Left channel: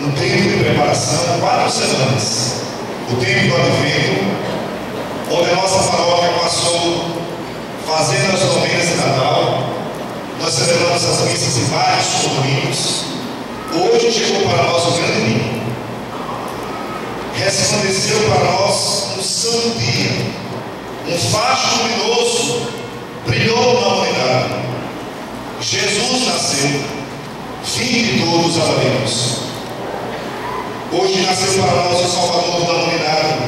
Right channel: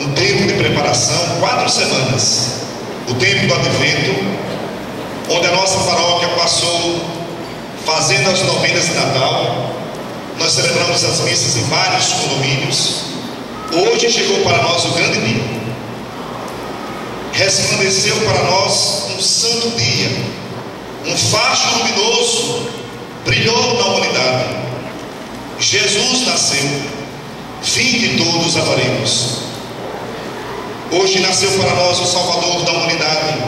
um tempo de preparação, 4 semanas, o tempo do Advento, onde a nossa paróquia passou fazendo as novenas de Natal. Nós celebramos as missas em vários condomínios. Hoje chegou para nós o grande dia. Resplandeceu para nós um santo dia, um facho luminoso brilhou na humanidade. Jesus nasceu, fim de todos amaremos. Hoje nasceu para nós o Salvador da humanidade.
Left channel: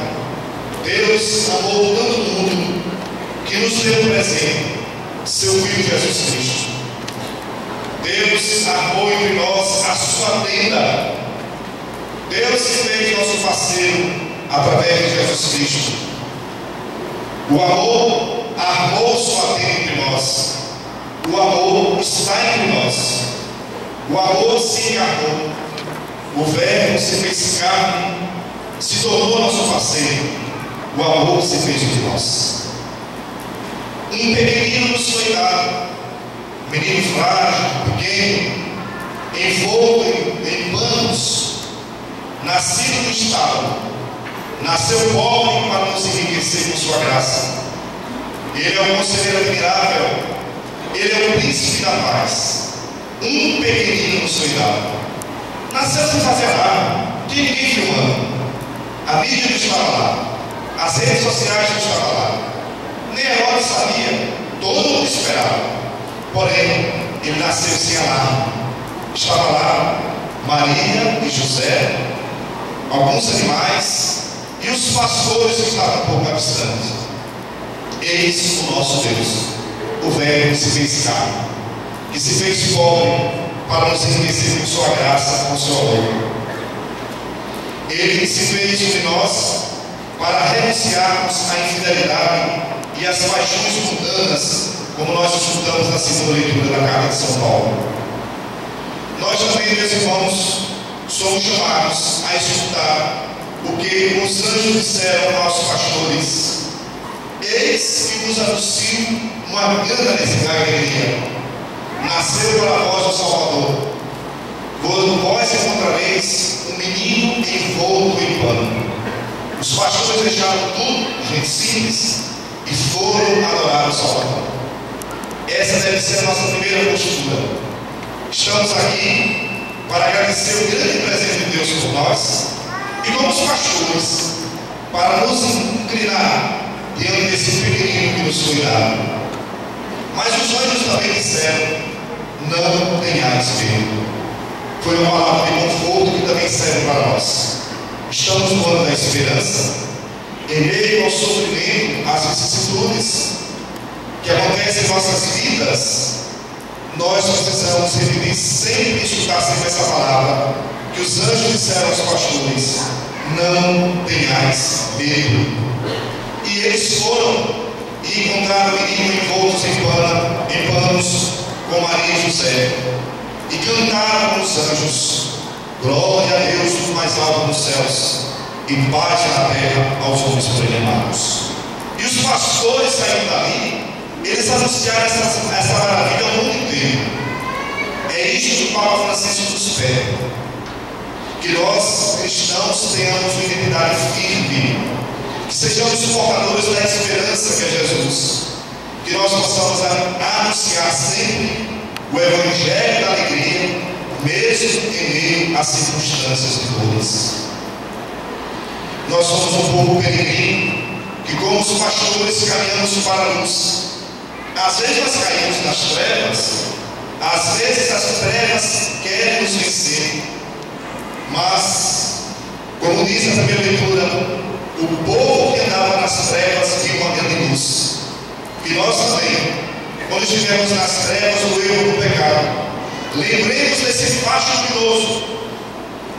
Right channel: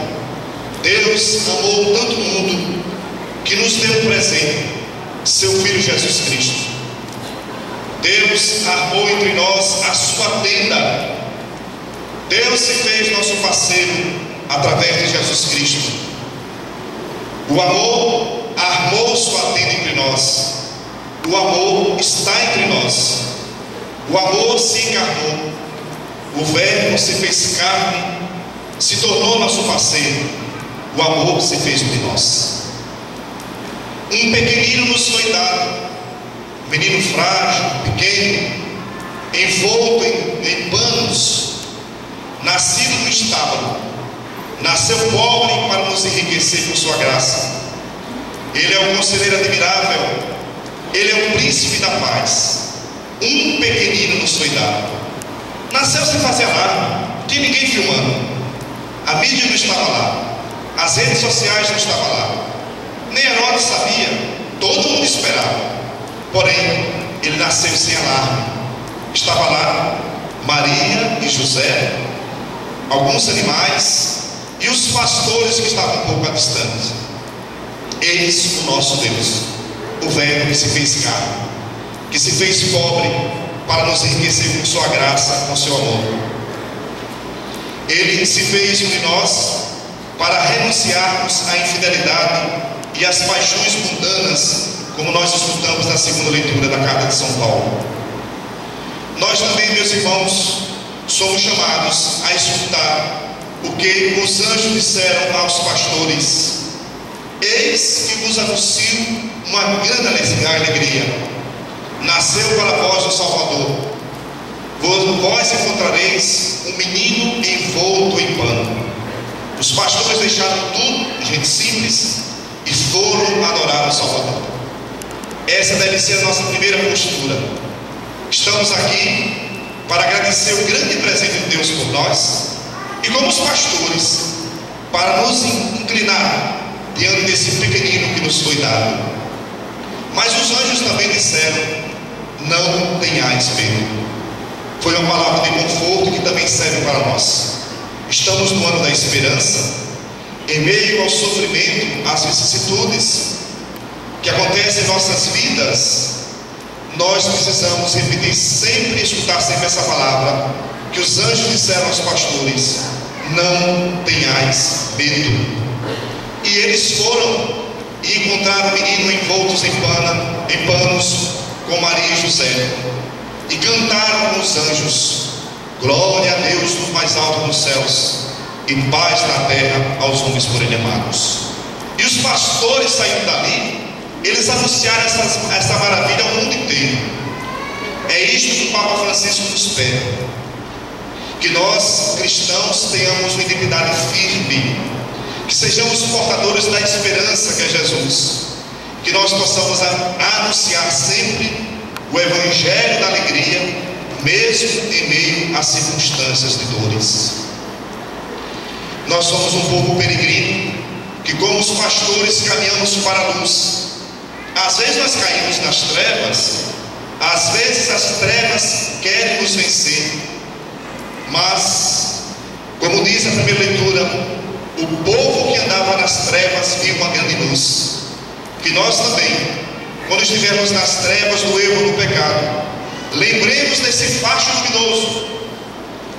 Deus amou tanto o mundo que nos deu um presente, seu Filho Jesus Cristo. Deus armou entre nós a sua tenda. Deus se fez nosso parceiro através de Jesus Cristo. O amor armou sua tenda entre nós. O amor está entre nós. O amor se encarnou. O Verbo se fez carne, se tornou nosso parceiro. O amor se fez de nós. Um pequenino nos foi dado, menino frágil, pequeno, envolto em panos, nascido no estábulo, nasceu pobre para nos enriquecer com sua graça. Ele é um conselheiro admirável, ele é o príncipe da paz. Um pequenino nos foi dado. Nasceu sem fazer nada, não tinha ninguém filmando. A mídia não estava lá, as redes sociais não estavam lá, nem Herodes sabia, todo mundo esperava. Porém, ele nasceu sem alarme. Estava lá Maria e José, alguns animais e os pastores que estavam um pouco distantes. Eis o nosso Deus, o Verbo que se fez carne, que se fez pobre para nos enriquecer com sua graça, com seu amor. Ele se fez de nós para renunciarmos à infidelidade e às paixões mundanas, como nós estudamos na segunda leitura da carta de São Paulo. Nós também, meus irmãos, somos chamados a escutar o que os anjos disseram aos pastores: eis que vos anuncio uma grande alegria. Nasceu para vós o Salvador. Vós encontrareis um menino envolto em pano. Os pastores deixaram tudo, gente simples, e foram adorar o Salvador. Essa deve ser a nossa primeira postura. Estamos aqui para agradecer o grande presente de Deus por nós, e como os pastores, para nos inclinar diante desse pequenino que nos foi dado. Mas os anjos também disseram: não tenhais medo. Foi uma palavra de conforto que também serve para nós. Estamos no ano da esperança, em meio ao sofrimento, às vicissitudes que acontecem em nossas vidas. Nós precisamos repetir sempre, escutar sempre essa palavra que os anjos disseram aos pastores: não tenhais medo. E eles foram e encontraram o menino envoltos em panos com Maria e José, e cantaram com os anjos: glória a Deus nos mais altos dos céus, e paz na terra aos homens por ele amados. E os pastores saindo dali, eles anunciaram essa maravilha ao mundo inteiro. É isto que o Papa Francisco nos pede: que nós cristãos tenhamos uma identidade firme, que sejamos portadores da esperança que é Jesus, que nós possamos anunciar sempre o Evangelho da alegria, mesmo em meio às circunstâncias de dores. Nós somos um povo peregrino, que como os pastores caminhamos para a luz. Às vezes nós caímos nas trevas, às vezes as trevas querem nos vencer, mas, como diz a primeira leitura, o povo que andava nas trevas viu uma grande luz. Que nós também, quando estivermos nas trevas do erro do pecado, lembremos desse facho luminoso,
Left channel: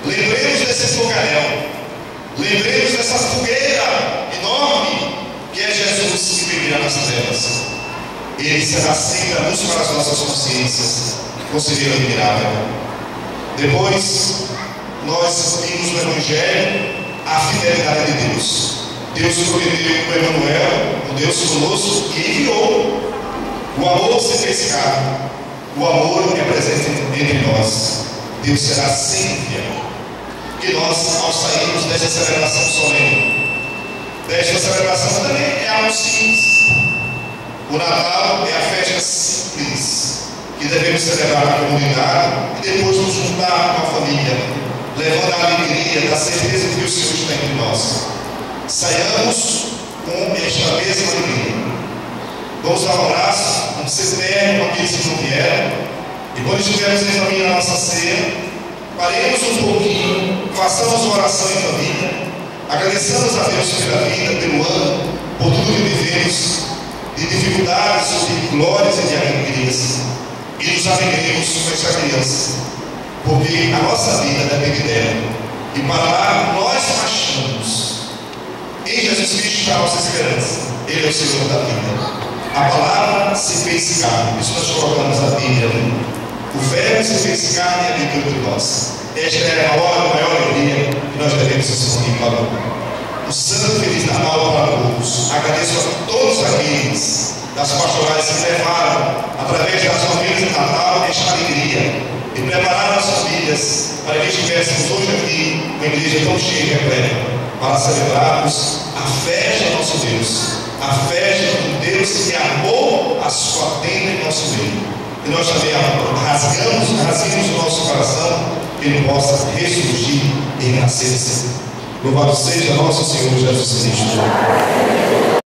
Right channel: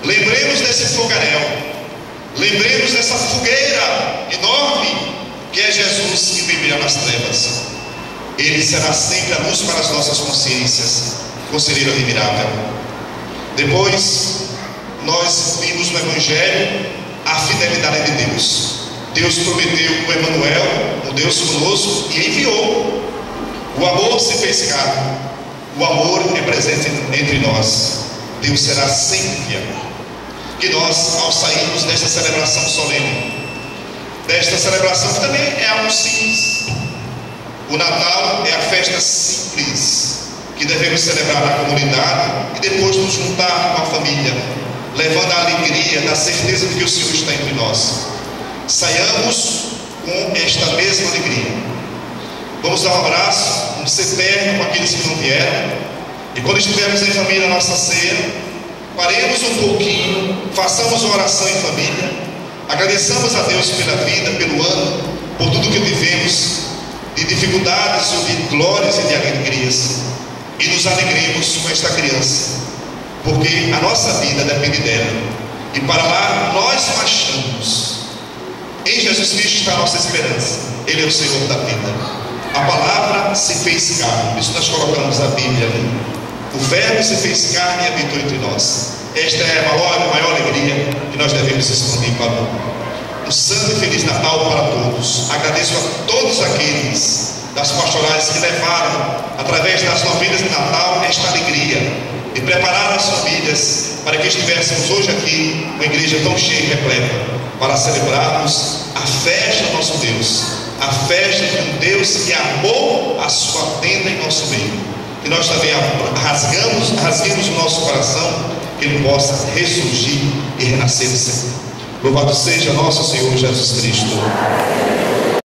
lembremos desse fogaréu, lembremos dessa fogueira enorme que é Jesus que brilha nas trevas. Ele será sempre a luz para as nossas consciências, conselheiro admirável. Depois, nós vimos no Evangelho a fidelidade de Deus. Deus prometeu o Emmanuel, o Deus conosco, e enviou. O amor se fez carne. O amor é presente entre nós. Deus será sempre fiel. que nós, ao sairmos desta celebração solene, desta celebração que também é algo simples. O Natal é a festa simples que devemos celebrar na comunidade e depois nos juntar com a família, levando a alegria da certeza de que o Senhor está entre nós. Saiamos com esta mesma alegria. Vamos dar um abraço, vamos ser perto com aqueles que não vieram, e quando estivermos em família na nossa ceia, paremos um pouquinho, façamos uma oração em família, agradeçamos a Deus pela vida, pelo ano, por tudo que vivemos, de dificuldades, de glórias e de alegrias, e nos alegremos com esta criança, porque a nossa vida depende dela, e para lá nós marchamos. Em Jesus Cristo está a nossa esperança. Ele é o Senhor da vida. A palavra se fez carne. Isso nós colocamos na Bíblia. O verbo se fez carne e habitou entre nós. Esta é a maior alegria que nós devemos assumir para um santo e feliz Natal para todos. Agradeço a todos aqueles das pastorais que levaram, através das novenas de Natal, esta alegria e prepararam as famílias para que estivéssemos hoje aqui, uma igreja tão cheia e repleta, para celebrarmos a festa do nosso Deus, a festa de um Deus que amou a sua tenda em nosso meio. E nós também rasguemos o nosso coração, que Ele possa ressurgir e renascer. Louvado seja nosso Senhor Jesus Cristo.